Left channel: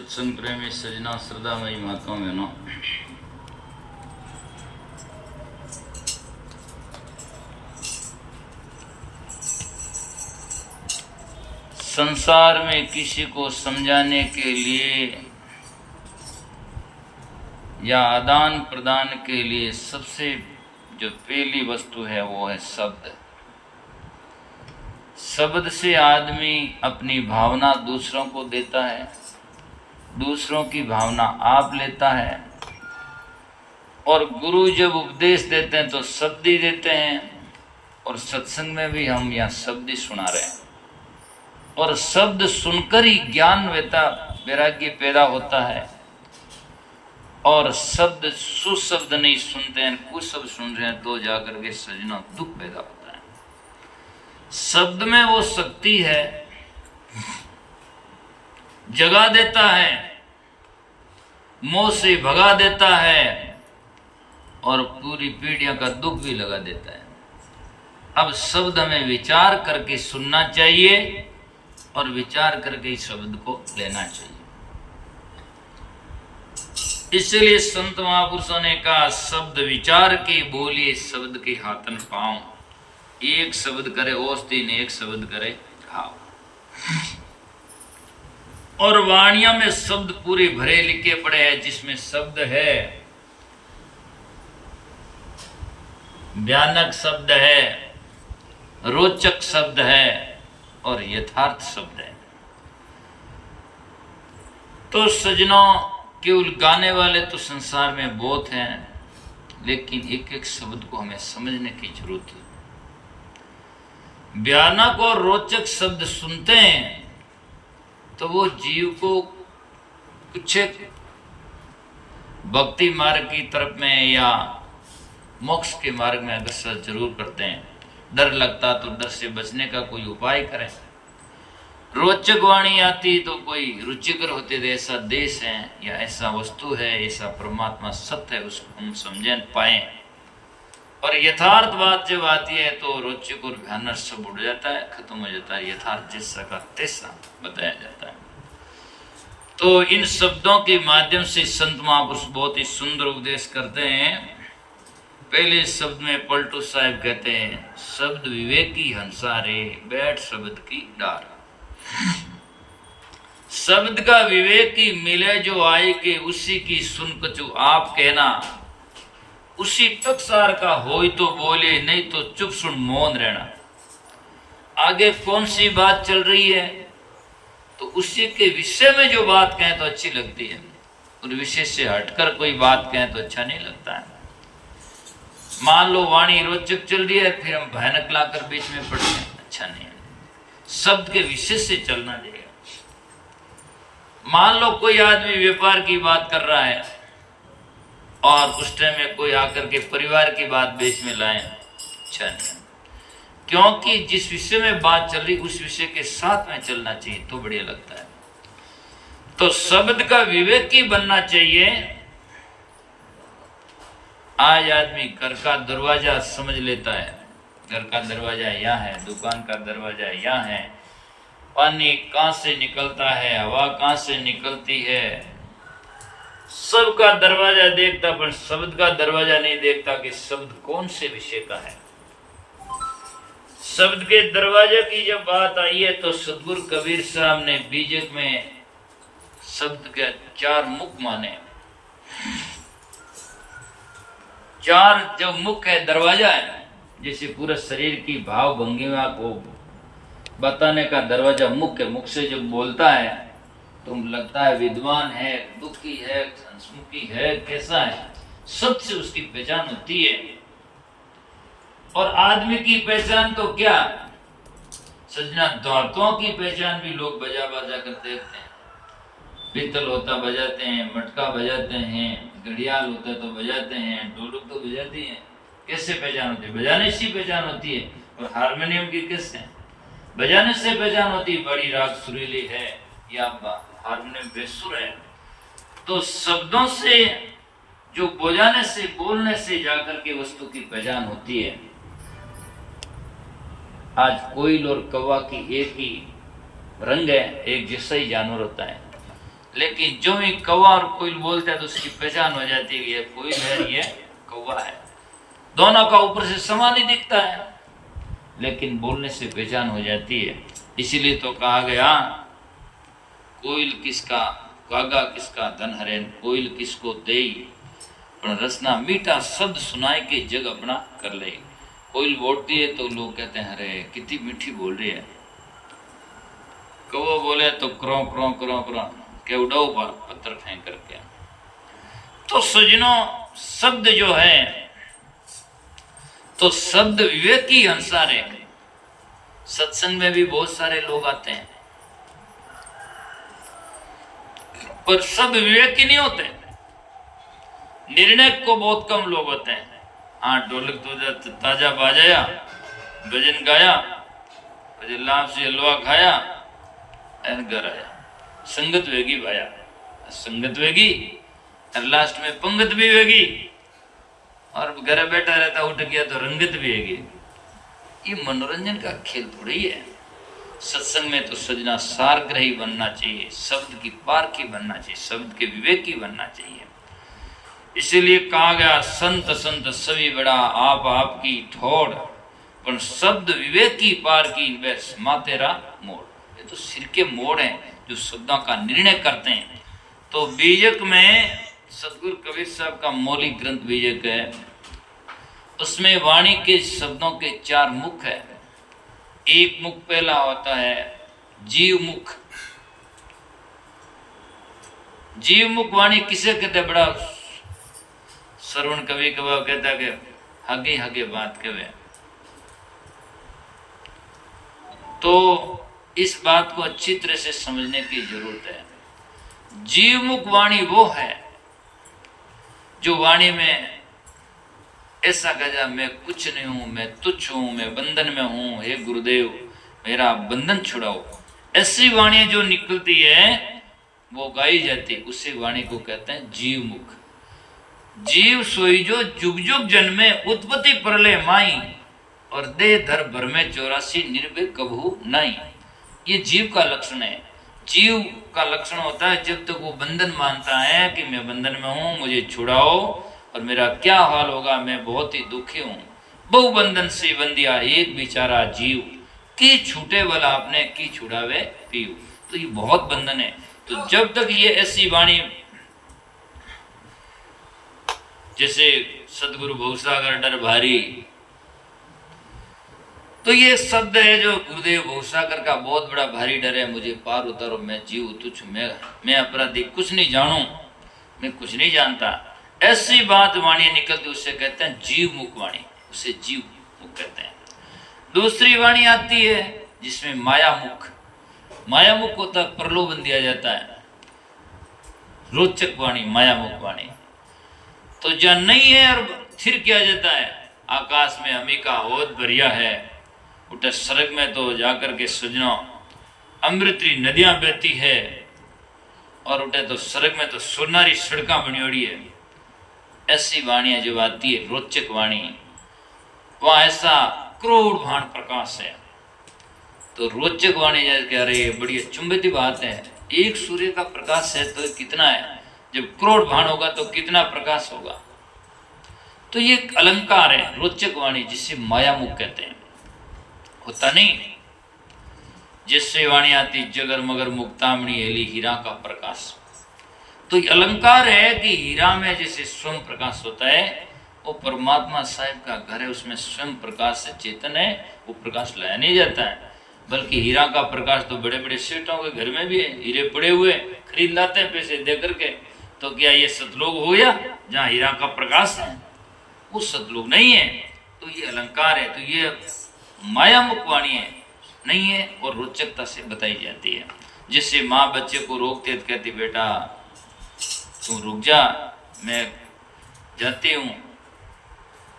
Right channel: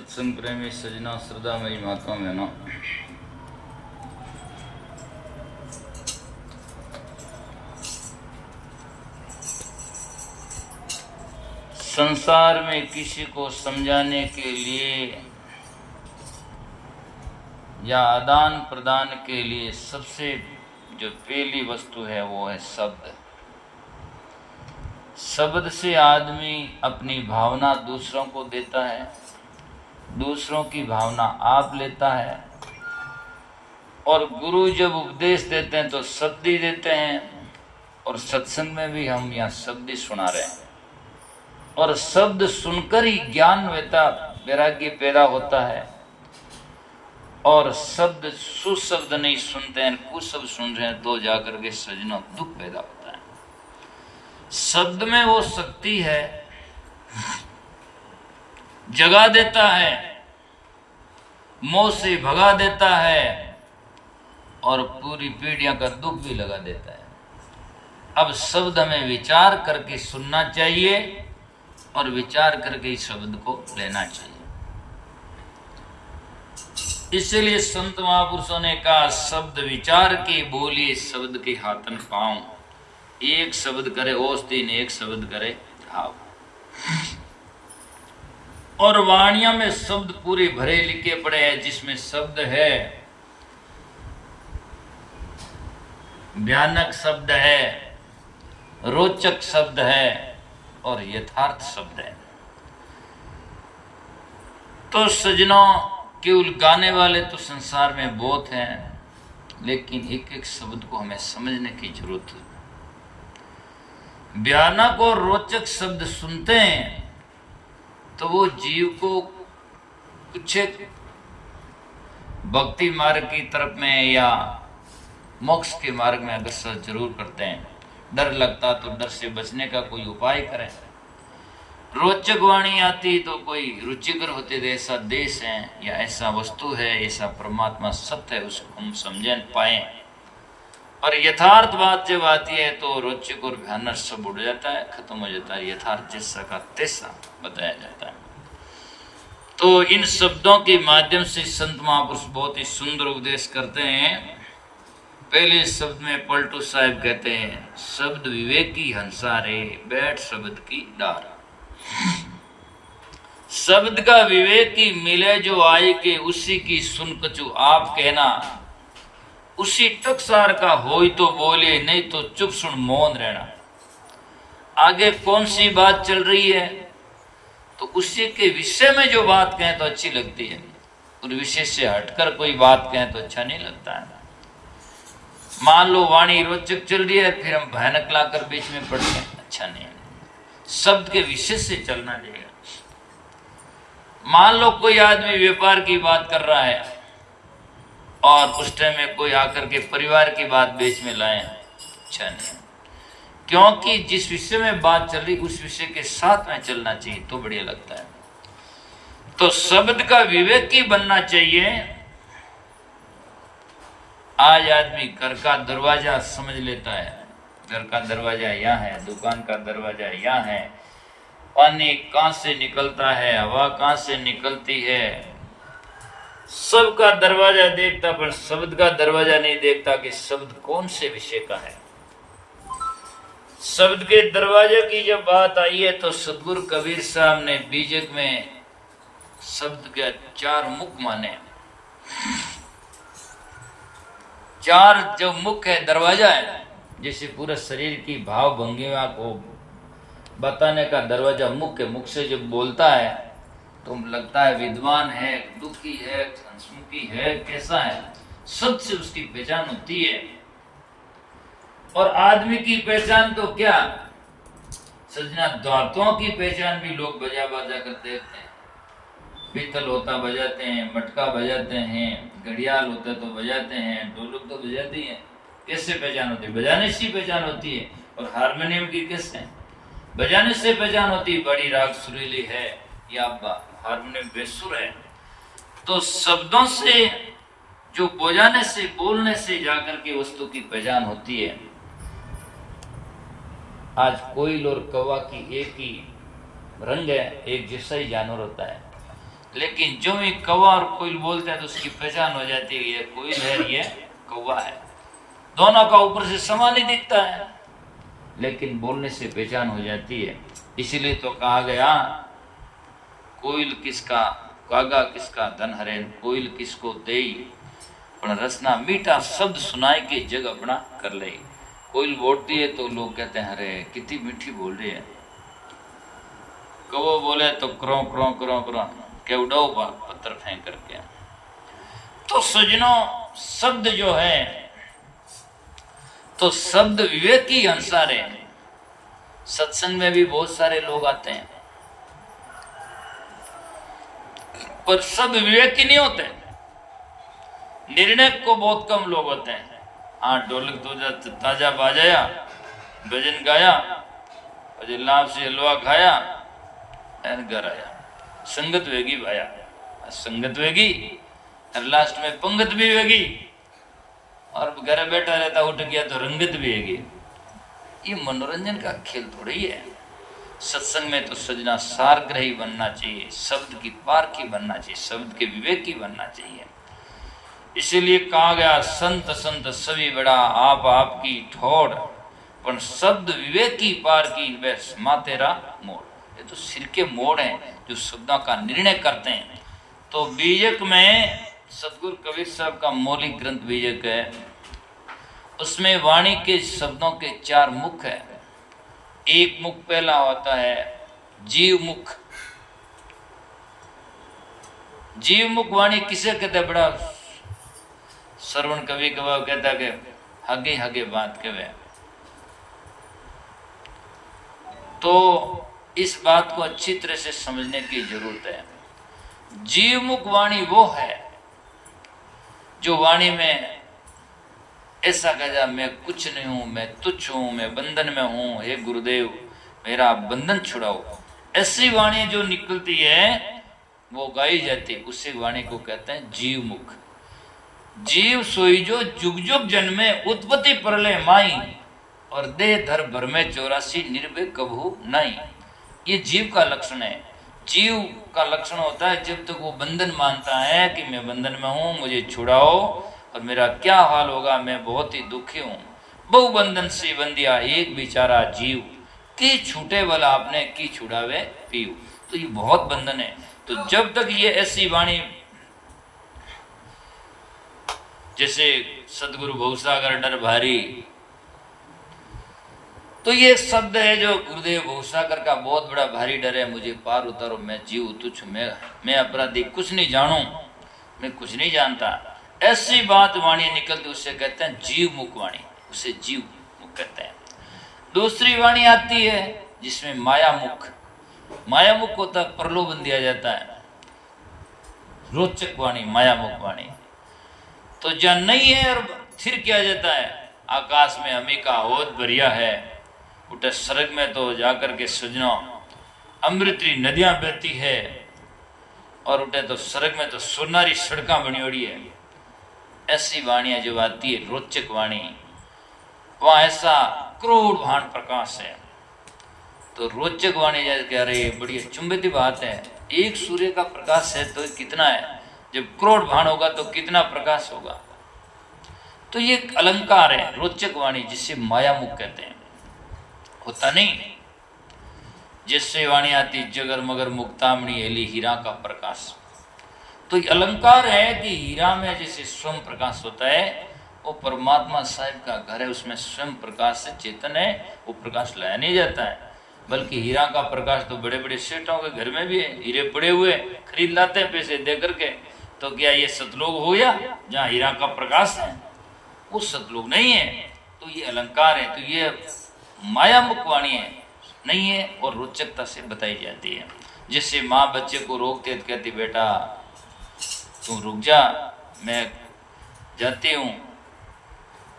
सत्संग प्रेमी सजना श्रद्धामयी माताओं बहनों, संसार में किसी को समझाने के लिए या आदान प्रदान के लिए सबसे जो पहली वस्तु है वो है शब्द। शब्द से आदमी अपनी भावना दूसरों को देता है, दूसरों की भावना आप लेता है, और गुरु जब उपदेश देते हैं तो शब्द ही देते हैं। और सत्संग में भी हम यहाँ शब्द ही सुना रहे हैं, और शब्द सुनकर ही ज्ञान वैराग्य पैदा होता है। और शब्द सुशब्द नहीं सुनते हैं, कुशब्द सुन रहे हैं तो जाकर के सजनों दुख पैदा होता है। शब्द में वो शक्ति है, जगा देता है, मोह से भगा देता है, और पूरी पीढ़ियों का दुख भी लगा देता है। अब शब्द हमें विचार करके सुनना चाहिए और विचार करके इस शब्द को लेना चाहिए। इसलिए संत महापुरुषों ने कहा, शब्द विचार के बोलिए शब्द के हाथन पाऊं। एक शब्द करे ओस्तीन, एक शब्द करे घाव। और वाणिया में शब्द पूरे भरे लिखे पड़े हैं, जिसमें शब्द है, भयानक शब्द है, रोचक शब्द है और यथार्थ शब्द है। तो सजनों, केवल गाने वाले तो संसार में बहुत हैं, लेकिन एक एक शब्द को हमें समझने की जरूरत है। भयानक और रोचक शब्द सुनते हैं तो वो जीव को कुछ भक्ति मार्ग की तरफ में या मोक्ष के मार्ग में अग्रसर जरूर करते हैं। डर लगता तो डर से बचने का कोई उपाय करें। रोचक वाणी आती तो कोई रुचिकर होते थे, ऐसा देश है या ऐसा वस्तु है, ऐसा परमात्मा सत्य है, उसको हम समझ पाए। और यथार्थ बात जब आती है तो रोचक और भयानक सब उड़ जाता है, खत्म हो जाता है। यथार्थ जैसा का तैसा बताया जाता है। तो इन शब्दों के माध्यम से संत महापुरुष बहुत ही सुंदर उपदेश करते हैं। पहले शब्द में पलटू साहब कहते हैं, शब्द विवेकी हंसारे बैठ शब्द की डार। शब्द का विवेकी मिले जो आए के, उसी की सुन कछु आप कहना। उसी टकसार का होई तो बोले, नहीं तो चुप सुन मौन रहना। आगे कौन सी बात चल रही है तो उसी के विषय में जो बात कहें तो अच्छी लगती है, उस विषय से हटकर कोई बात कहें तो अच्छा नहीं लगता है। मान लो वाणी रोचक चल रही है, फिर हम भयानक लाकर बीच में पढ़ते हैं, अच्छा नहीं है। शब्द के विषय से चलना चाहिए। मान लो कोई आदमी व्यापार की बात कर रहा है और उस टाइम में कोई आकर के परिवार की बात बीच में लाए, अच्छा नहीं। क्योंकि जिस विषय में बात चल रही उस विषय के साथ में चलना चाहिए तो बढ़िया लगता है। तो शब्द का विवेकी बनना चाहिए। आज आदमी घर का दरवाजा समझ लेता है, घर का दरवाजा यहाँ है, दुकान का दरवाजा यहाँ है, पानी कहाँ से निकलता है, हवा कहाँ से निकलती है, सबका दरवाजा देखता, पर शब्द का दरवाजा नहीं देखता कि शब्द कौन से विषय का है। शब्द के दरवाजे की जब बात आई है तो सदगुरु कबीर साहब ने बीजक में शब्द के 4 मुख माने। 4 जो मुख है, दरवाजा है, जैसे पूरे शरीर की भाव भंगिमा को बताने का दरवाजा मुख है। मुख से जब बोलता है तो लगता है विद्वान है, दुखी है, हंसमुखी है, कैसा है, शब्द से उसकी पहचान होती है। और आदमी की पहचान तो क्या सजना, दांतों की पहचान भी लोग बजा बजा कर देखते हैं। पीतल होता बजाते हैं, मटका बजाते हैं, घड़ियाल होता तो बजाते हैं, ढोलक तो बजाती हैं। कैसे पहचान होती है? बजाने से पहचान होती है। और हारमोनियम की कैसे बजाने से पहचान होती है? बड़ी राग सुरीली है या हारमोनियम बेसुर है। तो शब्दों से, जो बजाने से, बोलने से जाकर के वस्तु की पहचान होती है। आज कोयल और कौवा की एक ही रंग है, एक जैसा ही जानवर होता है, लेकिन जो भी कौवा और कोयल बोलते हैं तो उसकी पहचान हो जाती है, ये कोयल है, ये कौवा है। दोनों का ऊपर से समान ही दिखता है, लेकिन बोलने से पहचान हो जाती है। इसीलिए तो कहा गया, कोयल किसका कागा किसका धन हरे, कोयल किसको दे पण रसना मीठा शब्द सुनाए के जग अपना कर ले। कोयल बोलती है तो लोग कहते हैं अरे कितनी मीठी बोल रही है। कौवा बोले तो क्रों क्रों क्रों क्रों के उड़ाओ पत्थर फेंक करके। तो सजनों, शब्द जो है तो शब्द विवेक की अनुसार है। सत्संग में भी बहुत सारे लोग आते हैं, पर शब्द विवेक की नहीं होते। निर्णय को बहुत कम लोग होते हैं। हाँ, ढोलक तो ताजा बाजाया, भजन गाया, लाभ से हलवा खाया, घर आया, संगत वेगी भाया, संगत वेगी और लास्ट में पंगत भी वेगी, और घर बैठा रहता उठ गया तो रंगत भी वेगी। ये मनोरंजन का खेल थोड़ी है। सत्संग में तो सजना सारग्रही बनना चाहिए, शब्द की पारखी बनना चाहिए, शब्द के विवेकी बनना चाहिए। इसीलिए कहा गया, संत संत सभी बड़ा आप आपकी ठोड़, पर शब्द विवेकी पार की वह मातेरा मोड़। ये तो सिर के मोड़ हैं जो शब्दों का निर्णय करते हैं। तो बीजक में सतगुरु कबीर साहब का मौलिक ग्रंथ बीजक है, उसमें वाणी के शब्दों के 4 मुख है। एक मुख पहला होता है जीव मुख। जीव मुख वाणी किसे कहते? बड़ा श्रवण कवि कवा कहता कि हगे हगे बात कहे। तो इस बात को अच्छी तरह से समझने की जरूरत है। जीव मुख वाणी वो है जो वाणी में ऐसा कहा, मैं कुछ नहीं हूं, मैं तुच्छ हूं, मैं बंधन में हूं, हे गुरुदेव मेरा बंधन छुड़ाओ। ऐसी वाणी जो निकलती है वो गाई जाती है, उसी वाणी को कहते हैं जीव मुख। जीव सोई जो जुग जुग जन्मे, उत्पत्ति परले माई, और देह धर भर में 84 निर्भय कबहू नहीं। ये जीव का लक्षण है। जीव का लक्षण होता है जब तक वो बंधन मानता है कि मैं बंधन में हूं, मुझे छुड़ाओ और मेरा क्या हाल होगा, मैं बहुत ही दुखी हूं। बहु बंधन से बंदिया एक बेचारा जीव, की छूटे वाला आपने की छुड़ावे पीऊ। तो ये बहुत बंधन है। तो जब तक ये ऐसी वाणी, जैसे सदगुरु भवसागर डर भारी, तो ये शब्द है जो गुरुदेव भवसागर का बहुत बड़ा भारी डर है, मुझे पार उतारो, मैं जीव तुच्छ, मैं अपराधी, कुछ नहीं जानू, मैं कुछ नहीं जानता। ऐसी बात वाणी निकलती, उससे कहते हैं जीव मुख वाणी, उसे जीव मुख कहते हैं। दूसरी वाणी आती है जिसमें माया मुख। माया मुख होता है, प्रलोभन दिया जाता है, रोचक वाणी, माया मुख वाणी। तो जहाँ नहीं है और फिर किया जाता है, आकाश में हमी का होद भरिया है, उठे स्वर्ग में तो जाकर के सजना अमृतरी नदियां बहती है, और उठे तो स्वर्ग में तो सोनारी सड़का बनी हुई है। ऐसी वाणियां जो आती है रोचक वाणी, वह ऐसा करोड़ भाण प्रकाश है। तो रोचक वाणी जैसे अरे बड़ी चुंबती बात है, एक सूर्य का प्रकाश है तो कितना है, जब करोड़ भाण होगा तो कितना प्रकाश होगा। तो ये एक अलंकार है रोचक वाणी, जिसे माया मुख कहते हैं। होता नहीं, जिससे वाणी आती जगर मगर मुक्तामणि हेली हीरा का प्रकाश। तो ये अलंकार है कि हीरा में जैसे स्वयं प्रकाश होता है, वो परमात्मा साहिब का घर है, उसमें स्वयं प्रकाश से चेतन है, वो प्रकाश लाया नहीं जाता है। बल्कि हीरा का प्रकाश तो बड़े बड़े सेठों के घर में भी है, हीरे पड़े हुए खरीद लाते हैं पैसे दे करके। तो क्या ये सतलोक हो गया जहाँ हीरा का प्रकाश है? वो सतलोक नहीं है। तो ये अलंकार है, तो ये माया मुख वाणी है नहीं है, और रोचकता से बताई जाती है। जिससे माँ बच्चे को रोकती है, कहती बेटा तुम रुक जा, मैं जाती हूँ।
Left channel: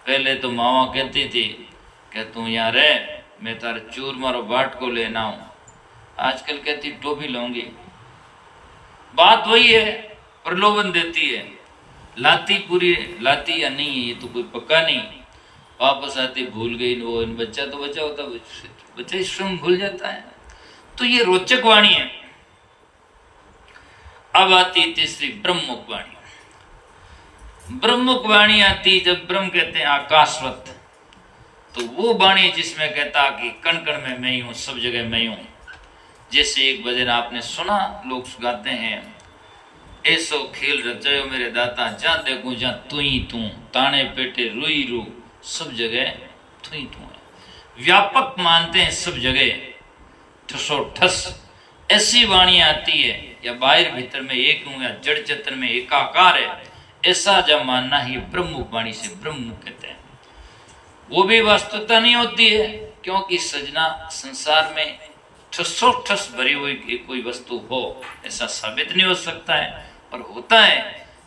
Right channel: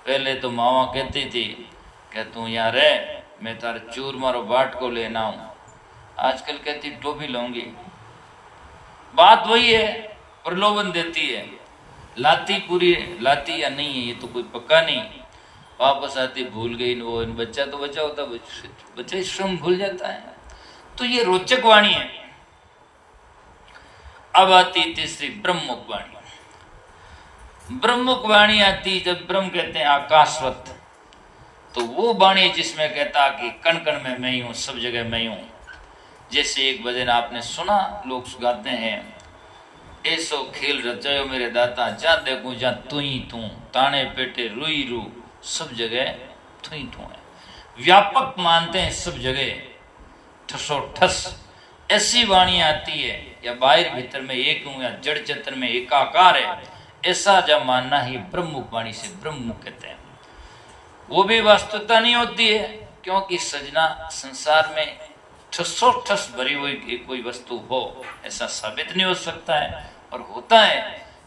पहले तो मावा कहती थी कि तू यहाँ रह, मैं तारे चूर मारो बाट को लेना हूँ। आजकल कहती टोपी लाऊंगी। बात वही है, प्रलोभन देती है, लाती पूरी लाती या नहीं है ये तो कोई पक्का नहीं। वापस आती भूल गई वो, बच्चा तो बच्चा होता, बच्चा स्वयं भूल जाता है। तो ये रोचक वाणी है। अब आती तीसरी ब्रह्ममुख वाणी। ब्रह्ममुख वाणी आती जब ब्रह्म कहते हैं आकाशवत, तो वो वाणी जिसमें कहता कि कण कण में मैं ही हूं, सब जगह मैं ही हूं। जैसे एक भजन आपने सुना, लोग गाते हैं, ऐसो खेल रचायो मेरे दाता, जा देखूं जा तू ही तू, ताने पेटे रुई रू, सब जगह तू ही तू है। व्यापक मानते हैं सब जगह, ठसो ठस। ऐसी वाणी आती है, या बाहर भीतर में एक हूं, या जड़ चेतन में एकाकार है, ऐसा जब मानना ही ब्रह्ममुख वाणी से ब्रह्ममुख कहते हैं। वो भी वास्तविकता नहीं होती है, क्योंकि सजना संसार में ठसो ठस भरी हुई कोई वस्तु हो ऐसा साबित नहीं हो सकता है। और होता है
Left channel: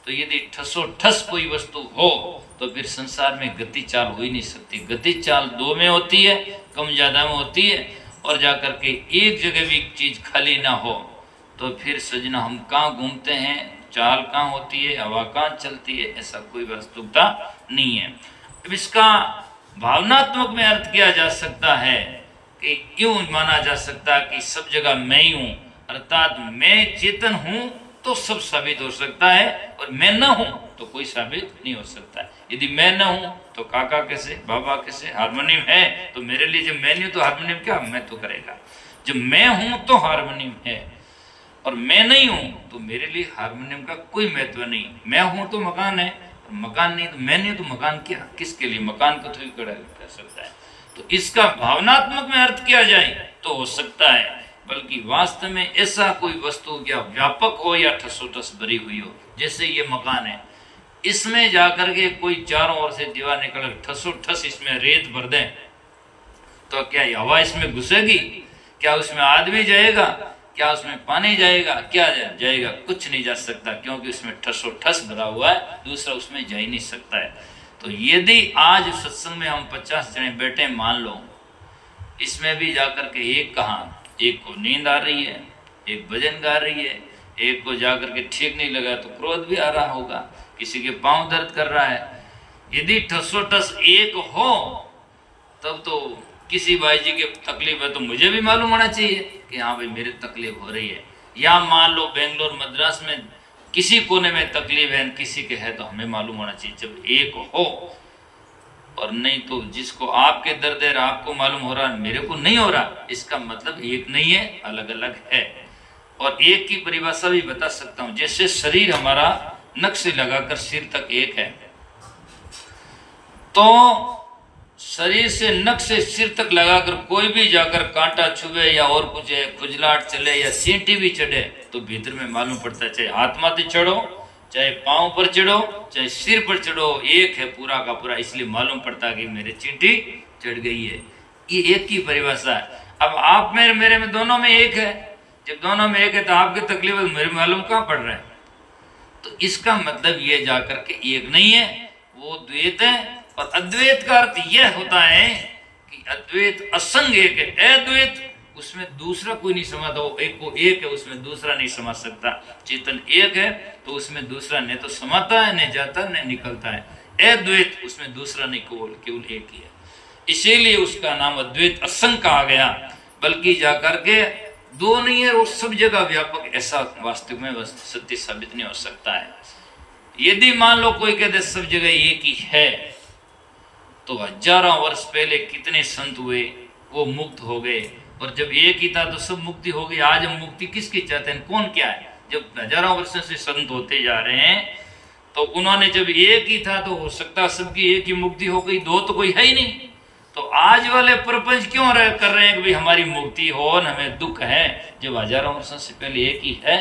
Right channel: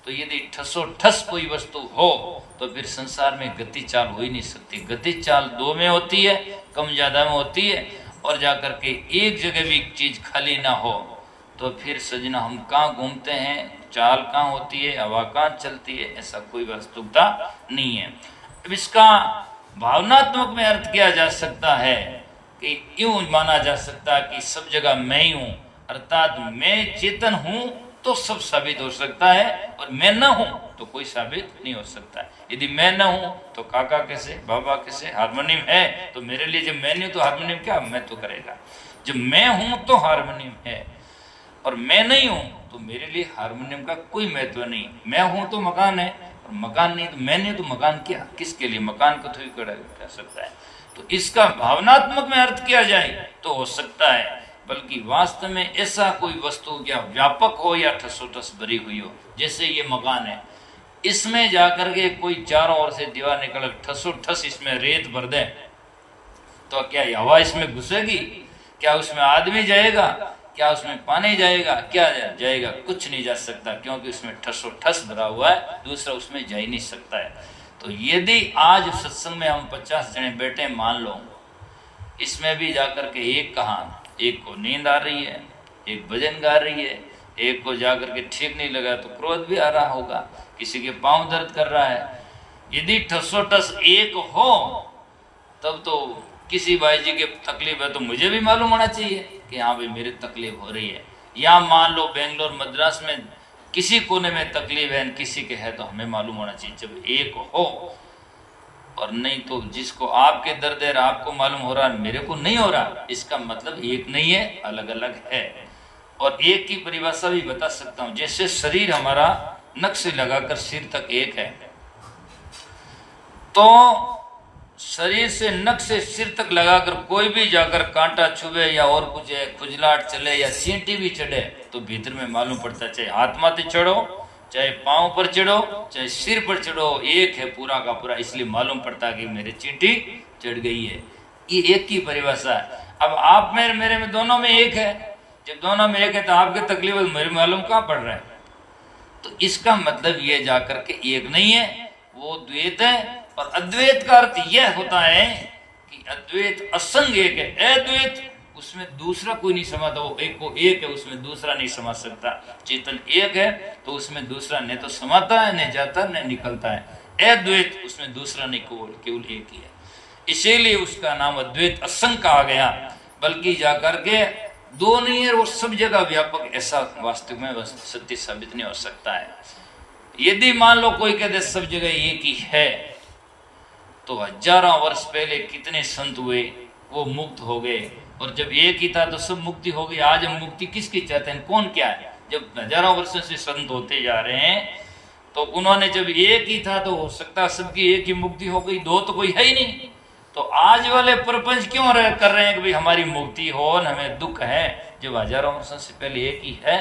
तो यदि ठसो ठस कोई वस्तु हो तो फिर संसार में गति चाल हो ही नहीं सकती। गति चाल दो में होती है, कम ज्यादा में होती है, और जाकर के एक जगह भी चीज खाली ना हो तो फिर सजना हम कहाँ घूमते हैं, चाल कहाँ होती है, हवा कहाँ चलती है, ऐसा कोई वास्तविकता नहीं है। अब इसका भावनात्मक में अर्थ किया जा सकता है कि यूं माना जा सकता कि सब जगह मैं ही हूं, अर्थात मैं चेतन हूं तो सब साबित हो सकता है, और मैं न हूं तो कोई साबित नहीं हो सकता। यदि मैं न हूं तो काका कैसे, बाबा कैसे, हारमोनियम है तो मेरे लिए, जब मैं नहीं तो हारमोनियम क्या मैं तो करेगा। जब मैं हूं तो हारमोनियम है, और मैं नहीं हूं तो मेरे लिए हारमोनियम का कोई महत्व नहीं। मैं हूं तो मकान है, और मकान नहीं तो मैं नहीं तो मकान क्या, किसके लिए, मकान को थोड़ी कर सकता है। तो इसका भावनात्मक में अर्थ किया जाए तो हो सकता है, बल्कि वास्तव में ऐसा कोई वस्तु या व्यापक हो या ठसोठस भरी हुई हो। जैसे ये मकान है, इसमें जाकर के कोई चारों ओर से दीवार निकल ठसोठस इसमें रेत भर दे तो क्या हवा इसमें घुसेगी? क्या उसमें आदमी जाएगा? क्या उसमें पानी जाएगा? क्या जाएगा? कुछ नहीं जा सकता, क्योंकि उसमें ठसोठस भरा हुआ है, दूसरा उसमें जा ही नहीं सकता है। तो यदि आज सत्संग में हम 50 जने बैठे, मान लो इसमें भी जाकर के एक कहा, एक को नींद आ रही है, एक भजन गा रही है, एक को जाकर के ठीक नहीं लगा तो क्रोध भी आ रहा होगा, किसी के पांव दर्द कर रहा है। यदि ठसोठस एक हो तब तो किसी भाई जी के तकलीफ है तो मुझे भी मालूम होना चाहिए कि हाँ भाई मेरे तकलीफ हो रही है। या मान लो बेंगलोर मद्रास में किसी कोने में तकलीफ है, किसी के है, तो हमें मालूम होना चाहिए जब एक हो। और नहीं तो जिसको आपके दर्द है आपको मालूम हो रहा, मेरे को नहीं हो रहा, इसका मतलब एक नहीं है, अलग अलग है। और एक की परिभाषा भी बता सकता हूं, जैसे शरीर हमारा नख से लगाकर सिर तक एक है, तो शरीर से नख से सिर तक लगाकर कोई भी जाकर कांटा छुए या और कुछ है, खुजलाहट चले या चींटी भी चढ़े तो भीतर में मालूम पड़ता है, चाहे हाथ माथे चढ़ो, चाहे पांव पर चढ़ो, चाहे सिर पर चढ़ो, एक है पूरा का पूरा। इसलिए मालूम पड़ता है कि मेरे चींटी चढ़ गई है। ये एक की परिभाषा है। अब आप मेरे में दोनों में एक है, जब दोनों में एक है तो आपकी तकलीफ मेरे मालूम कहाँ पड़ रहा है? तो इसका मतलब ये जाकर के एक नहीं है, वो द्वैत है। और अद्वैत का अर्थ यह होता है कि अद्वैत असंग एक है, अद्वैत उसमें दूसरा कोई नहीं समाता, वो एक को एक है उसमें दूसरा नहीं समा सकता। चेतन एक है तो उसमें दूसरा न तो समाता है, न जाता न निकलता है। अद्वैत उसमें दूसरा नहीं, केवल एक ही है, इसीलिए उसका नाम अद्वैत असंग कहा गया। बल्कि जाकर के दो नहीं है, वो सब जगह व्यापक, ऐसा वास्तव में सत्य साबित नहीं हो सकता है। यदि मान लो कोई कहते सब जगह एक ही है, तो हजारों वर्ष पहले कितने संत हुए, वो मुक्त हो गए, और जब एक ही था तो सब मुक्ति हो गई। आज हम मुक्ति किसकी चाहते हैं, कौन क्या है? जब हजारों वर्षों से संत होते जा रहे हैं तो उन्होंने जब एक ही था तो हो सकता है सबकी एक ही मुक्ति हो गई, दो तो कोई है ही नहीं। तो आज वाले प्रपंच क्यों कर रहे हैं कि भाई हमारी मुक्ति हो न हमें दुख है, जब हजारों वर्षों से पहले एक ही है?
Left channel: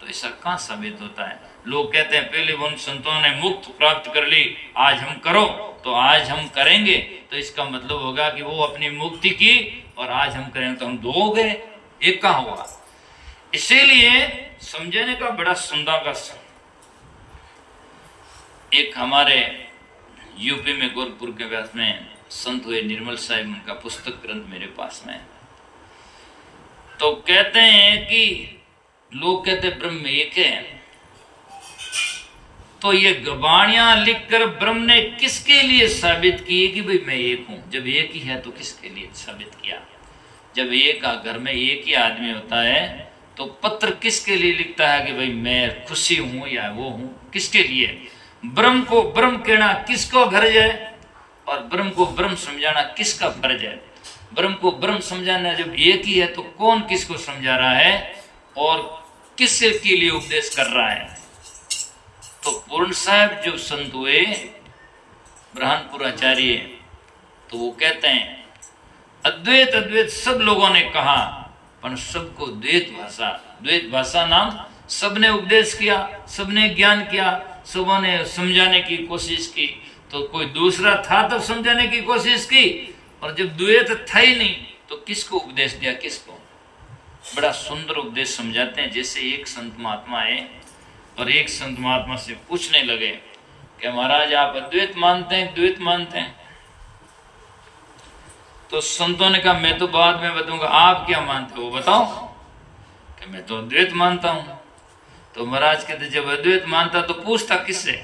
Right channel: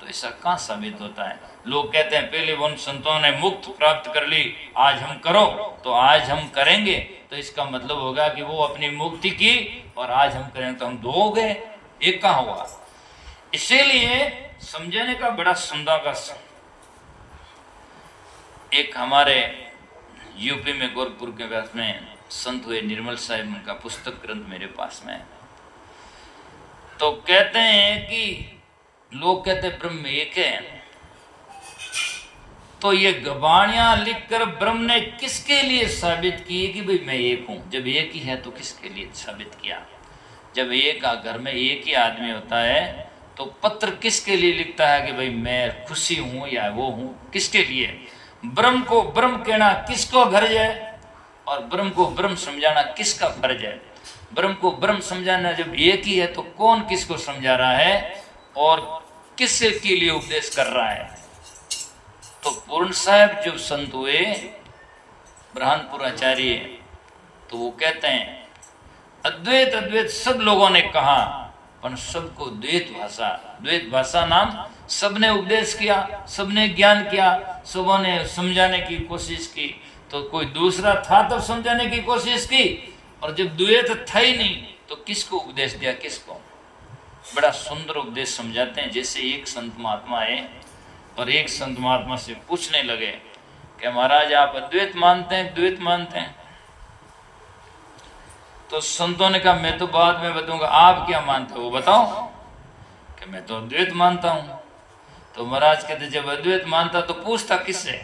तो ऐसा कहाँ साबित होता है? लोग कहते हैं पहले उन संतों ने मुक्त प्राप्त कर ली, आज हम करो, तो आज हम करेंगे, तो इसका मतलब होगा कि वो अपनी मुक्ति की और आज हम करेंगे तो हम दो हो गए, एक कहाँ हुआ? इसीलिए समझने का बड़ा सुंदर का एक हमारे यूपी में गोरखपुर के व्यास में संत हुए निर्मल साहिब, उनका पुस्तक ग्रंथ मेरे पास में। तो कहते हैं कि लोग कहते ब्रह्म एक है, तो ये गवाणियां लिखकर ब्रह्म ने किसके लिए साबित की कि भाई मैं एक हूं? जब एक ही है तो किसके लिए साबित किया? जब एक घर में एक ही आदमी होता है तो पत्र किसके लिए लिखता है कि भाई मैं खुशी हूं या वो हूं, किसके लिए? ब्रह्म को ब्रह्म कहना किसको गर्ज है और ब्रह्म को ब्रह्म समझाना किसका फर्ज है? ब्रह्म को ब्रह्म समझाना जब एक ही है तो कौन किसको समझा रहा है और किसके के लिए उपदेश कर रहा है? तो पूर्ण साहब जो संत हुए ब्रह्मपुराचार्य, तो वो कहते हैं अद्वैत अद्वैत सब लोगों ने कहा पर सबको द्वैत भाषा नाम सबने उपदेश किया, सबने ज्ञान किया, सबों ने समझाने की कोशिश की। तो कोई दूसरा था तब समझाने की कोशिश की, और जब द्वैत था ही नहीं तो किसको उपदेश दिया? किसको? बड़ा सुंदर उपदेश समझाते हैं। जैसे एक संत महात्मा आए और एक संत महात्मा से पूछने लगे कि महाराज आप अद्वैत मानते हैं, द्वैत मानते हैं? तो संतों ने कहा मैं तो बाद में बताऊंगा, आप क्या मानते हो वो बताओ। कि मैं तो अद्वैत मानता हूं। तो महाराज कहते जब अद्वैत मानता तो पूछता किससे?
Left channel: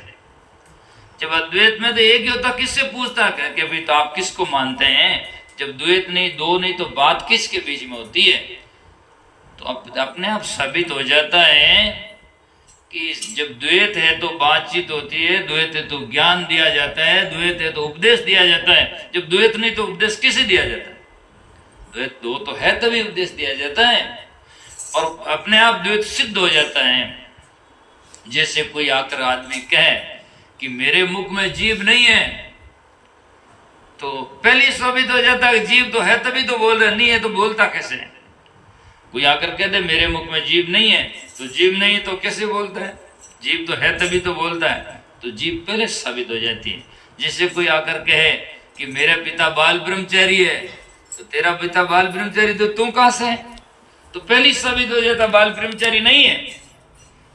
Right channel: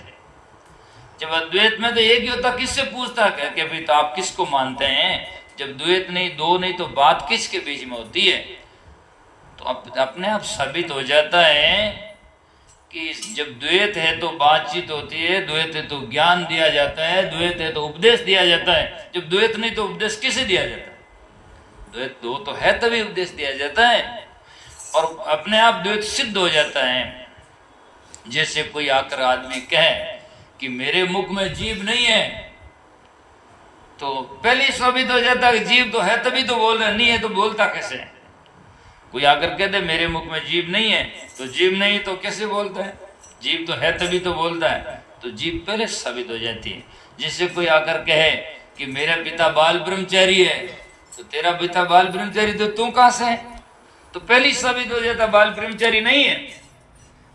जब अद्वैत में तो एक ही होता, किससे पूछता? कि भाई तो आप किसको मानते हैं? जब द्वैत नहीं, दो नहीं, तो बात किसके बीच में होती है? तो अपने आप साबित हो जाता है कि जब द्वैत है तो बातचीत होती है, द्वैत है तो ज्ञान दिया जाता है, द्वैत है तो उपदेश दिया जाता है। जब द्वैत नहीं तो उपदेश किसे दिया जाता है? द्वैत दो तो है तभी उपदेश दिया जाता है, और अपने आप द्वैत सिद्ध हो जाता है। जैसे कोई आकर आदमी कहे कि मेरे मुख में जीभ नहीं है, तो पहले साबित हो जाता है कि जीभ तो है तभी तो बोल रहा, नहीं है तो बोलता कैसे? कोई आकर कह दे मेरे मुख में जीभ नहीं है, तो जीभ नहीं तो कैसे बोलता है? जीभ तो है तभी तो बोलता है, तो जीभ पहले साबित हो जाती है। जैसे कोई आकर कहे कि मेरा पिता बाल ब्रह्मचारी है, तो तेरा पिता बाल ब्रह्मचारी तो तू कहां से है? तो पहले साबित हो जाता बाल ब्रह्मचारी नहीं है।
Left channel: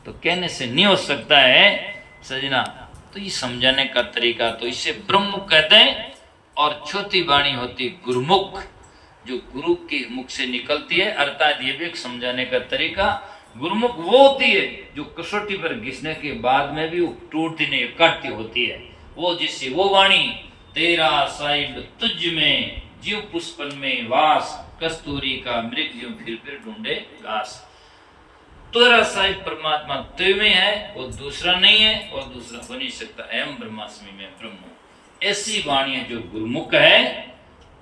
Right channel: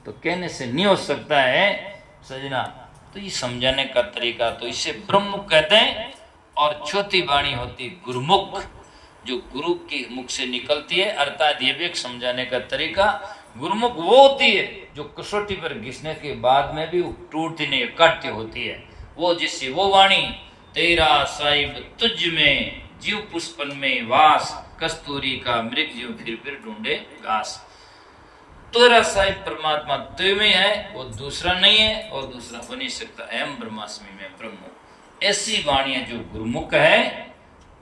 तो कहने से नहीं हो सकता है सजना। तो ये समझाने का तरीका, तो इसे ब्रह्ममुख कहते हैं। और चौथी वाणी होती गुरुमुख, जो गुरु के मुख से निकलती है, अर्थात ये भी एक समझाने का तरीका। गुरुमुख वो होती है जो कसौटी पर घिसने के बाद में भी टूटती नहीं, कटती होती है। वो जिससे वो वाणी तेरा साहिब तुझ में जीव पुष्पन में वास, कस्तूरी का मृग जीव फिर ढूंढे घास। तेरा साहिब परमात्मा तुझ में है, वो दूसरा नहीं है और दूसरा हो नहीं सकता। एम ब्रह्मास्मि में ब्रह्म। ऐसी वाणियां जो गुरुमुख है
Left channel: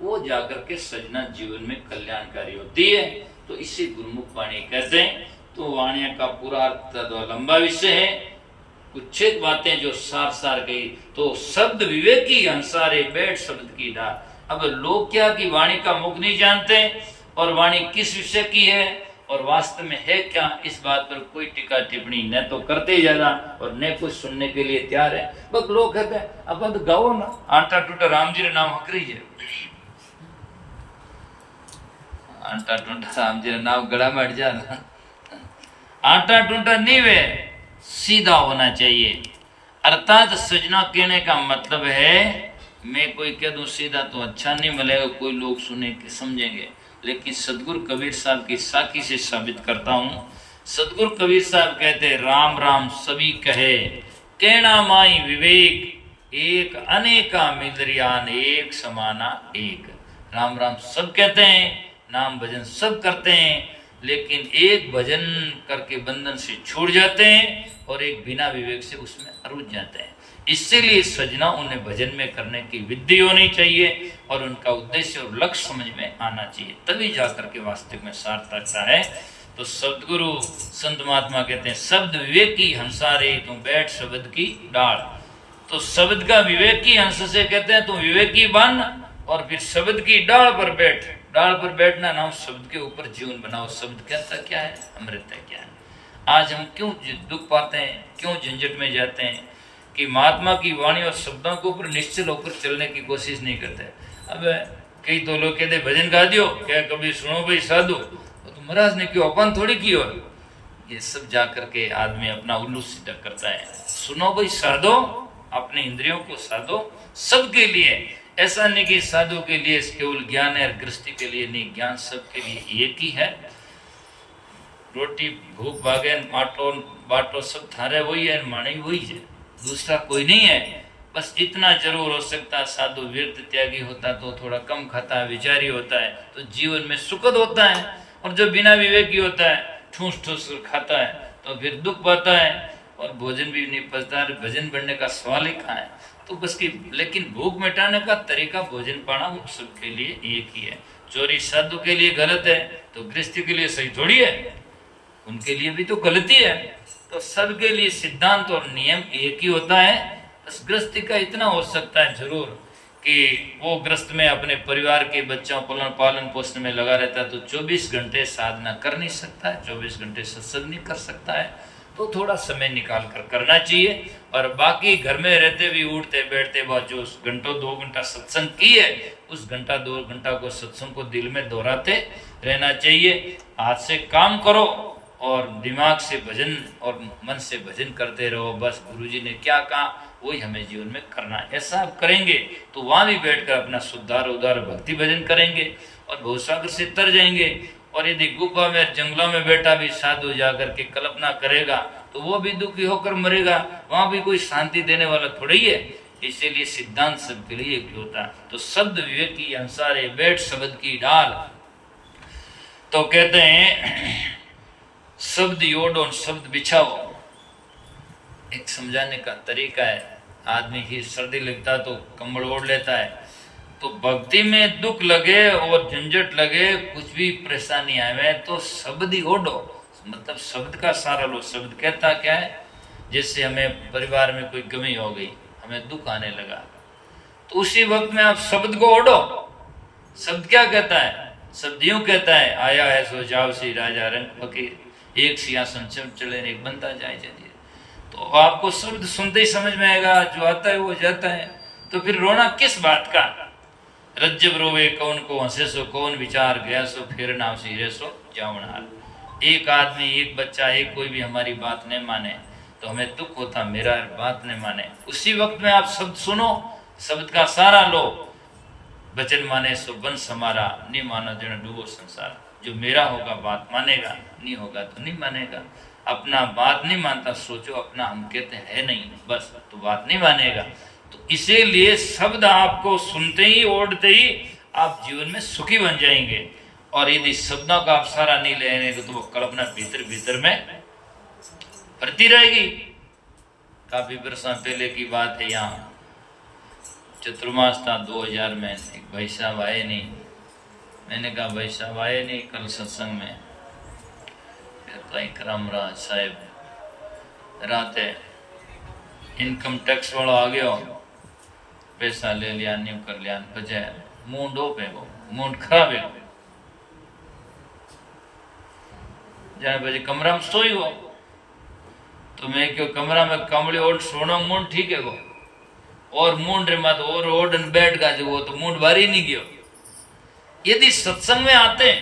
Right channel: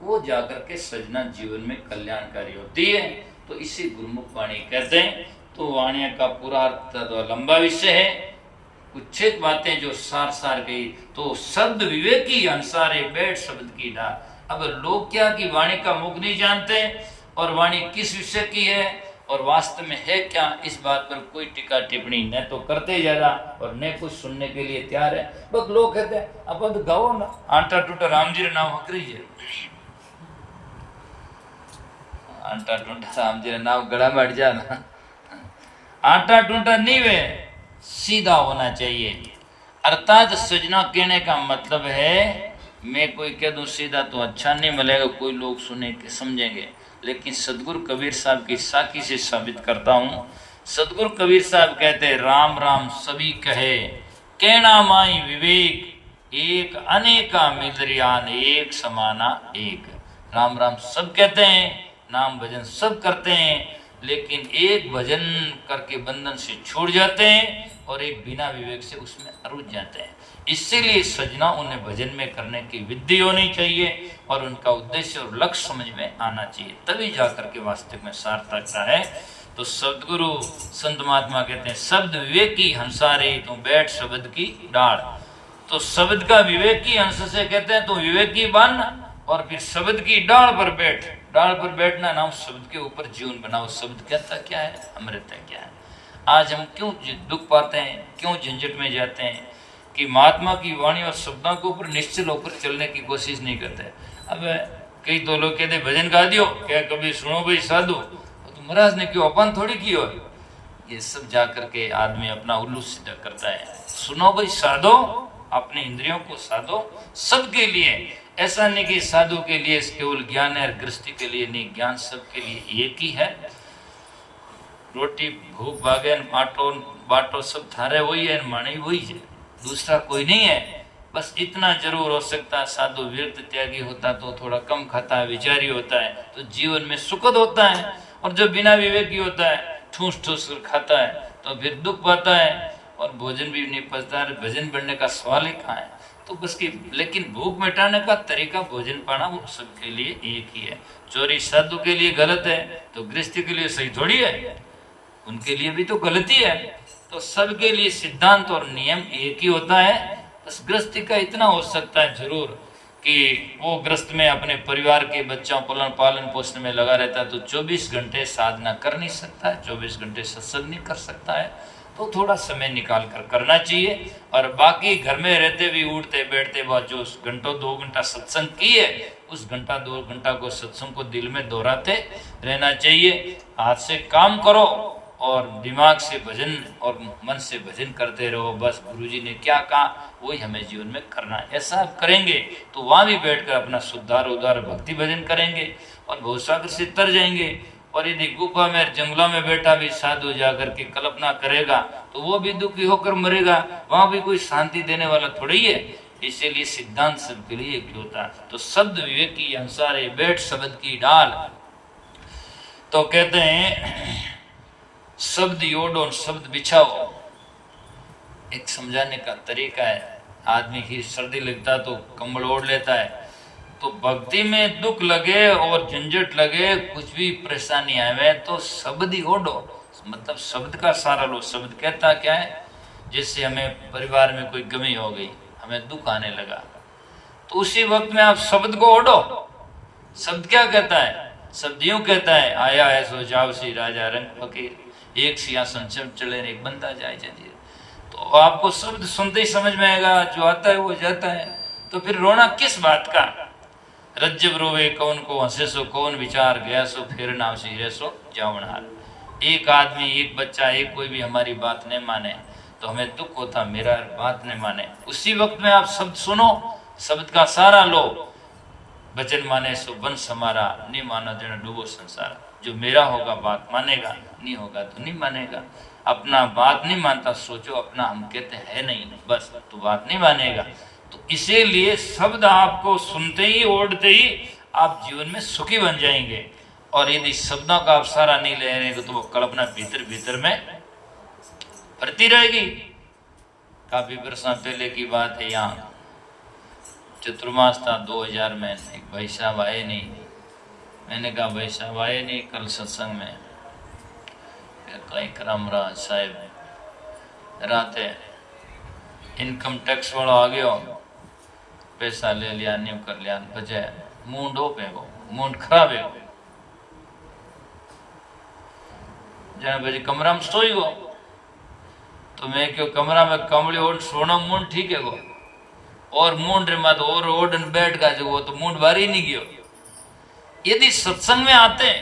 वो जाकर के सजना जीवन में कल्याणकारी होती है। तो इसे गुरुमुख वाणी कहते हैं। तो वाणियां का पूरा अर्थ तो लंबा विषय है, कुछ एक बातें जो सार सार गई। तो शब्द विवेकी अंसारे बैठ शब्द की डाल। अब लोग क्या कि वाणी का मुख नहीं जानते और वाणी किस विषय की है और वास्तव में है क्या, इस बात पर कोई टीका टिप्पणी न तो करते जाना और न कुछ सुनने के लिए तैयार है। बस लोग कहते हैं अपन तो गाओ ना, आटा टूटा राम जी नाम हकरी है, आटा टूटा राम जी नाम गला में अट जाना। आटा टूटा नहीं वे, सीधा होना चाहिए। अर्थात सजना कहने का मतलब है, मैं कोई कह दूं सीधा तो अच्छा नहीं मिलेगा, कोई लोग सुने के समझेंगे। लेकिन सदगुरु कबीर साहब की साखी से साबित करता हूँ। सदगुरु कबीर साहब कहते हैं राम राम सभी कहे, कहना माई विवेक, एक अनेका मिलरियान एक समाना एक। राम राम सब कहते हैं, नाम भजन सब करते हैं, लेकिन एक भजन करके बंधन से छूट जाते हैं और एक बिना विवेक से उसमें रुझ जाते हैं। इसीलिए सजना उन्हें भजन में करने की विधि होनी चाहिए और उनका उद्देश्य और लक्ष्य समझ में आना चाहिए, तभी जाकर के वास्तविक में सार्थकता है। तो सदगुरु संत महात्मा कहते हैं शब्द विवेकी हंसारे तू बैठ शब्द की डाल। तो शब्द का विवेकी हंस से कहते हैं तू विवेकी बन और फिर शब्द की डाल पर बैठ। डाल पर बैठना ना, शब्द के ऊपर जीवन बनाओ। शब्द कहता क्या है? अमृत है। क्या है? आज हम क्यों दुख पाते हैं, क्यों झंझट में जाते हैं कि महात्मा की वाणी और शब्दों के ऊपर निश्चल होकर चलने की कोशिश नहीं करते। अब कई तो लोग कहते भजन गा दियो, क्या कभी सुनो भाई साधु, तो महाराज ने क्यों अपन थोड़ी की हो। ये सब जा करके आदमी अपना उल्लू सीधा करता है। सुनो भाई साधो, अपने इंद्रियों को साधो सबके लिए। ऐसा नहीं कि साधु के लिए केवल ज्ञान है, गृहस्थी के लिए नहीं, ज्ञान सबके लिए एक ही है। रोटी भूख भागे बाटो बाटो सब थारे वही है, माने वही है, दूसरा कोई नहीं है। बस इतना जरूर हो सकता, साधु व्यर्थ त्यागी होता तो थोड़ा कम खाता, विचारी होता है तो जीवन में सुखद होता है। और जो बिना विवेकी होता है ठूस ठूस कर खाता है तो फिर दुख पाता है और भोजन भी नहीं पचता है, भजन बढ़ने का सवाल ही कहाँ है। तो बस की लेकिन भूख मिटाने का तरीका भोजन पाना वो सबके लिए एक ही है। चोरी साधु के लिए गलत है तो गृहस्थी के लिए सही थोड़ी है, उनके लिए भी तो गलती है। तो सबके लिए सिद्धांत और नियम एक ही होता है। बस गृहस्थी का इतना हो सकता है जरूर कि वो गृहस्थ में अपने परिवार के बच्चों पालन पोषण में लगा रहता है तो 24 घंटे साधना कर नहीं सकता है, 24 घंटे सत्संग नहीं कर सकता है, तो थोड़ा समय निकाल कर करना चाहिए। और बाकी घर में रहते भी उठते बैठते बाद जो घंटों 2 घंटा सत्संग की है उस घंटा 2 घंटा को सत्संग को दिल में दोहराते रहना चाहिए। हाथ से काम करो और दिमाग से भजन और मन से भजन करते रहो। बस गुरुजी ने क्या कहा वही हमें जीवन में करना है। ऐसा आप करेंगे तो वहां भी बैठकर अपना शुद्धार उदार भक्ति भजन करेंगे और भवसागर से तर जाएंगे। और यदि गुफा में जंगलों में बैठा भी साधु जाकर के कल्पना करेगा तो वो भी दुखी होकर मरेगा, वहां भी कोई शांति देने वाला थोड़ी है। इसीलिए सिद्धांत सबके लिए एक होता है। तो शब्द विवेक की अनुसार बैठ शब्द की डाल। तो कहते हैं शब्द योड़ो शब्द बिछाओ, एक समझाने का तरीका है। आदमी की सर्दी लगता तो कंबल ओढ़ लेता है, तो भक्ति में दुख लगे और झंझट लगे कुछ भी परेशानी आए तो शब्द ही ओढ़ो, मतलब शब्द का सारा लो। शब्द कहता क्या है, जैसे हमें परिवार में कोई कमी हो गई, हमें दुख आने लगा, तो उसी वक्त में आप शब्द को ओढ़ो। शब्द क्या कहता है, शब्द यूं कहता है आया है सो जाओ सी राजा रंग फकीर, एक सिंहासन चले एक बंदा जाए जंजीर। तो आपको शब्द सुनते ही समझ में आएगा, जो आता है वो जाता है। तो फिर रोना किस बात का, रज्जब रोवे कौन को हंसे सो कौन विचार गया सो फिर नाव सी सो जावनार। एक आदमी एक बच्चा एक कोई भी हमारी बात नहीं माने तो हमें दुख होता, मेरा बात नहीं माने। उसी वक्त में आप शब्द सुनो, शब्द का सारा लो। वचन माने सो वंश हमारा, नहीं मानो जन डूबो संसार। जो मेरा होगा बात मानेगा, नहीं होगा तो नहीं मानेगा। अपना बात नहीं मानता सोचो अपना हम कहते हैं नहीं, बस तो बात नहीं मानेगा। तो इसीलिए शब्द आपको सुनते ही ओढ़ते ही आप जीवन में सुखी बन जाएंगे। और यदि शब्दों का आप सहारा नहीं लेंगे तो वो कल्पना भीतर भीतर में भरती रहेगी। काफी वर्षों पहले की बात है, यहाँ चतुर्मास था 2000 में, एक भाई साहब आए नहीं। मैंने कहा भाई साहब आए नहीं कल सत्संग में, कहता करम राज साहब रात है इनकम टैक्स वाला आ गया, पैसा ले लिया नहीं कर लिया, बजाय मूड ओप है, वो मूड खराब है। जाने बजे कमरा में सोई गो, तो मैं क्यों कमरा में कमड़ी ओढ़ सोना मूड ठीक है गो, और मूड रे मत और ओढ़न बैठ का जो वो तो मूड भारी नहीं गयो। यदि सत्संग में आते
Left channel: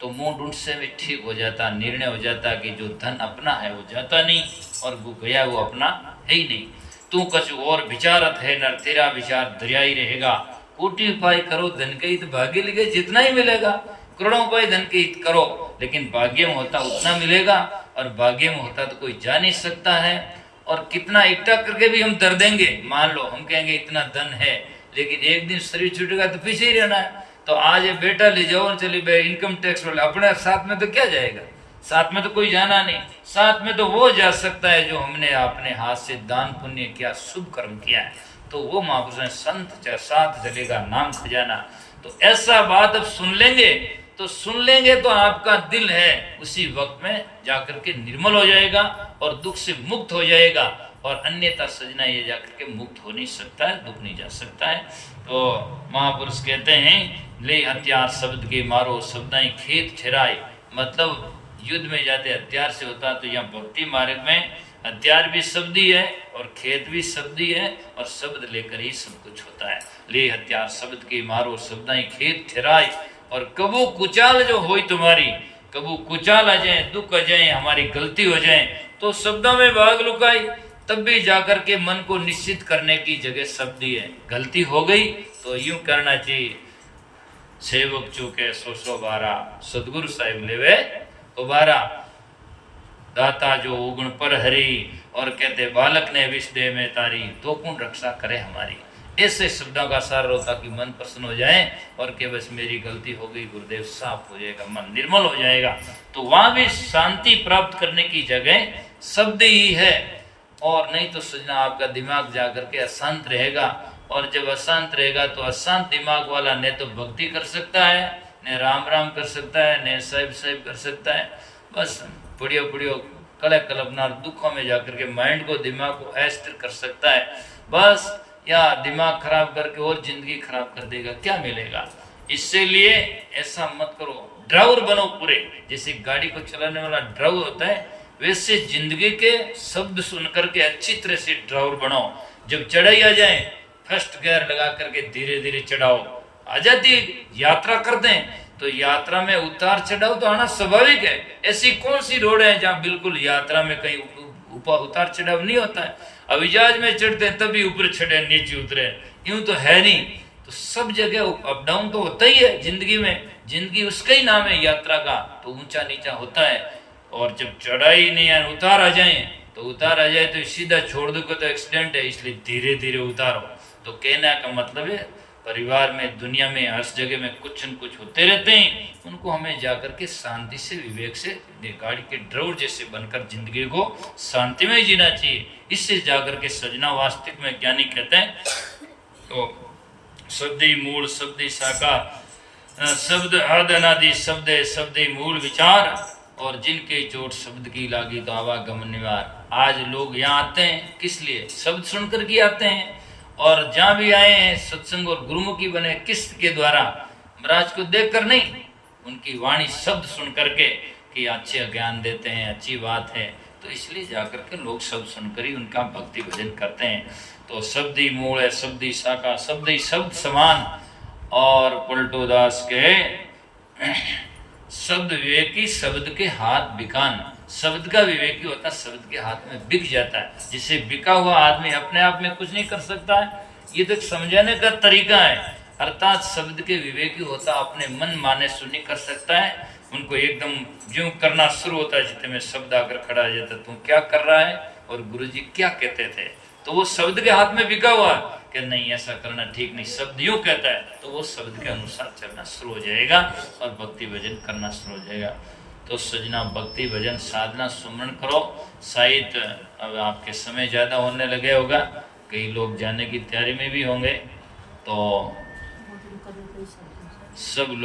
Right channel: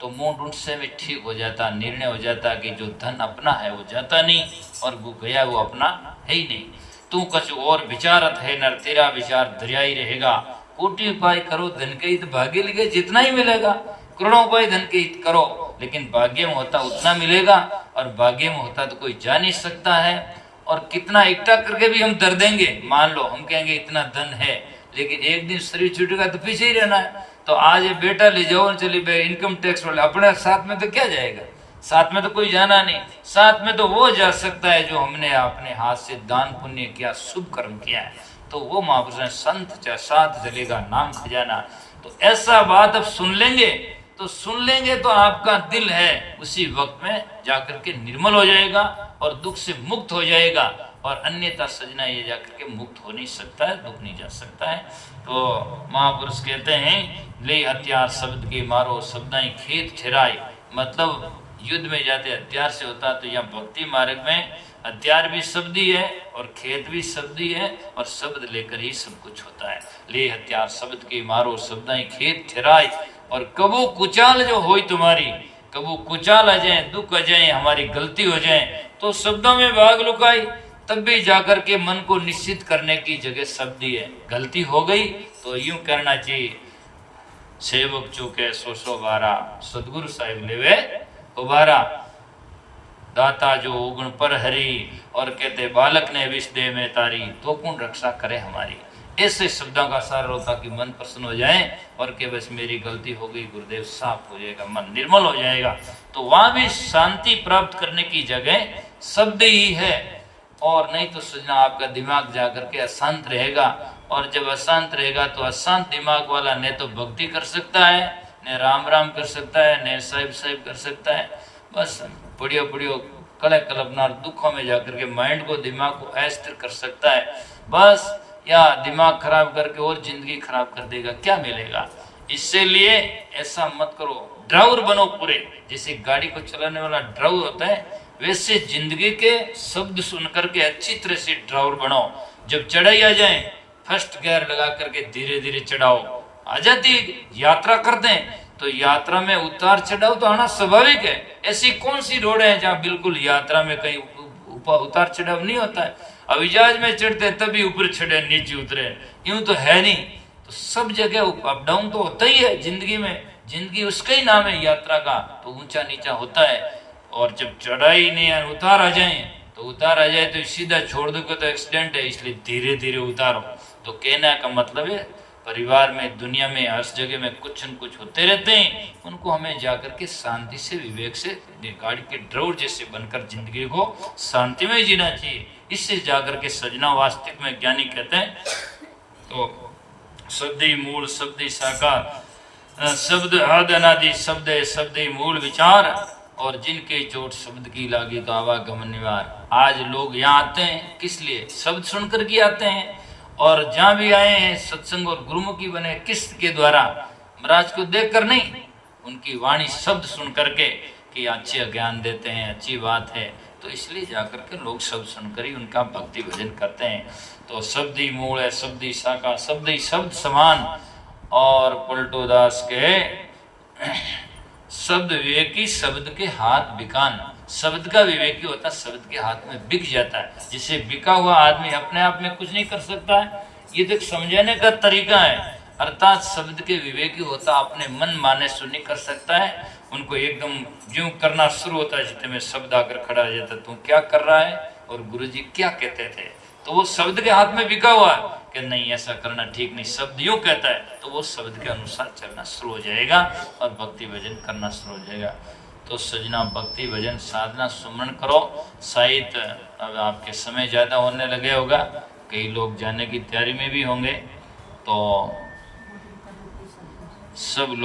तो मूड उनसे भी ठीक हो जाता, निर्णय हो जाता कि जो धन अपना है वो जाता नहीं और वो गया वो अपना है ही नहीं। तू कछु और विचारत है नर, तेरा विचार दरिया ही रहेगा। कोटि उपाय करो धन के हित भाग्य लिखे, जितना ही मिलेगा। करोड़ों उपाय धन के हित करो, लेकिन भाग्य में होता उतना मिलेगा, और भाग्य में होता तो कोई जा नहीं सकता है। और कितना इकट्ठा करके भी हम दर देंगे, मान लो हम कहेंगे इतना धन है, लेकिन एक दिन शरीर छूटेगा तो पीछे ही रहना है। तो आज ये बेटा ले जाओ, चली भाई इनकम टैक्स वाले, अपने साथ में तो क्या जाएगा, साथ में तो कोई जाना नहीं। साथ में तो वो जा सकता है जो हमने अपने हाथ से दान पुण्य किया, शुभ कर्म किया है, तो वो महापुरुष संत साथ चलेगा नाम खजाना। तो ऐसा बात अब सुन लेंगे तो आपका दिल है उसी वक्त में जाकर के निर्मल हो जाएगा और दुख से मुक्त हो जाएगा। और अन्यथा सजना ये जाकर के मुक्त हो नहीं सकता है, दुख नहीं जा सकता है। तो महापुरुष कहते हैं ले हथियार शब्द के मारो, शब्दाई खेत ठहराए। मतलब युद्ध में जाते हथियार से होता, तो यहाँ भक्ति मार्ग में हथियार भी शब्द ही है और खेत भी शब्द ही है, और शब्द लेकर ही सब कुछ होता है। ले हथियार शब्द के मारो, शब्दाई खेत ठहराए। और कबू कुचाल जो हो तुम्हारी, कबू कुचाल आ जाए, दुख आ जाए, हमारी गलती हो जाए, तो शब्दों में भाग लुकाई, तब भी जाकर के मन को निश्चित करने की जगह शब्द ही है। गलती हो गई तो यूं करना चाहिए, सेवक चूके सो बारा, सदगुरु साहिब लेवे उबारा। दाता जो उगुण पर हरी, और कहते बालक ने विष दे में तारी, तो कौन रक्षा करे हमारी। ऐसे शब्दों का सार हो ताकि मन प्रसन्न हो जाए और कि बस मेरी गलती हो गई गुरुदेव, साफ हो जाएगा, मन निर्मल हो जाएगा। तो वहां भी शांति प्राप्त करने की जगह शब्द ही है। और नहीं तो सजना आपका दिमाग जाकर के अशांत रहेगा, और जब अशांत रहेगा तो अशांत दिमाग वाला न तो भक्ति कर सकता है, न राम राम कर सकता है, न साहिब साहिब कर सकता है। बस बढ़िया बढ़िया कले कल्पना दुखों में जाकर के माइंड को, दिमाग को अस्थिर कर सकता है बस, या दिमाग खराब करके और जिंदगी खराब कर देगा, क्या मिलेगा। इसलिए ऐसा मत करो, ड्राइवर बनो पूरे। जैसे गाड़ी को चलाने वाला ड्राइवर होता है, वैसे जिंदगी के शब्द सुन करके अच्छी तरह से ड्राइवर बनो। जब चढ़ाई आ जाए फर्स्ट गियर लगा करके धीरे धीरे चढ़ाओ। आ जाती यात्रा करते हैं तो यात्रा में उतार चढ़ाव तो आना स्वाभाविक है। ऐसी कौन सी रोड है जहाँ बिल्कुल यात्रा में कहीं उतार चढ़ाव नहीं होता है। अब जहाज में चढ़ते हैं तभी ऊपर चढ़े नीचे उतरे, यूं तो है नहीं। तो सब जगह अप डाउन तो होता ही है जिंदगी में, जिंदगी उसका ही नाम है यात्रा का, तो ऊंचा नीचा होता है। और जब चढ़ाई नहीं है, उतार आ जाए तो उतार आ जाए तो सीधा छोड़ दो तो एक्सीडेंट है, इसलिए धीरे धीरे उतारो। तो कहने का मतलब है परिवार में, दुनिया में, हर जगह में कुछ न कुछ होते रहते हैं, उनको हमें जाकर के शांति से, विवेक से, गाड़ी के ड्राइवर जैसे बनकर जिंदगी को शांति में जीना चाहिए। इससे जाकर के सजना वास्तविक में ज्ञानी कहते हैं। तो शब्दी मूल शब्दी शाखा, शब्द आदि अनादि, शब्द शब्दी मूल विचार, और जिनके चोट शब्द की लागी तो आवागमन निवार। आज लोग यहाँ आते हैं किस लिए? शब्द सुनकर के आते हैं। और जहाँ भी आए हैं सत्संग और गुरुमुखी बने किस के द्वारा? महाराज को देखकर नहीं, उनकी वाणी शब्द सुन करके कि अच्छे ज्ञान देते हैं, अच्छी बात है, तो इसलिए जाकर के लोग शब्द सुनकर ही उनका भक्ति भजन करते हैं। तो शब्द ही मूल है, शब्द ही शाखा, शब्द ही शब्द समान। और पलटू दास के शब्द विवेकी शब्द के हाथ बिकान। शब्द का विवेकी होता है, शब्द के हाथ में बिक जाता है। जिसे बिका हुआ आदमी अपने आप में कुछ नहीं कर सकता है। ये तो एक समझाने का तरीका है। अर्थात शब्द के विवेकी होता अपने मन माने सुन नहीं कर सकता है, उनको एकदम जो करना शुरू होता है, जितने में शब्द आकर खड़ा आ जाता है, तुम क्या कर रहा है और गुरुजी क्या कहते थे, तो वो शब्द के हाथ में बिका हुआ है कि नहीं ऐसा करना ठीक नहीं, शब्द यूं कहता है, तो वो शब्द के अनुसार चलना शुरू हो जाएगा और भक्ति भजन करना शुरू हो जाएगा। तो सजना भक्ति भजन साधना सुमरण करो। शायद अब आपके समय ज़्यादा होने लगे होगा, कई लोग जाने की तैयारी में भी होंगे, तो सब लोग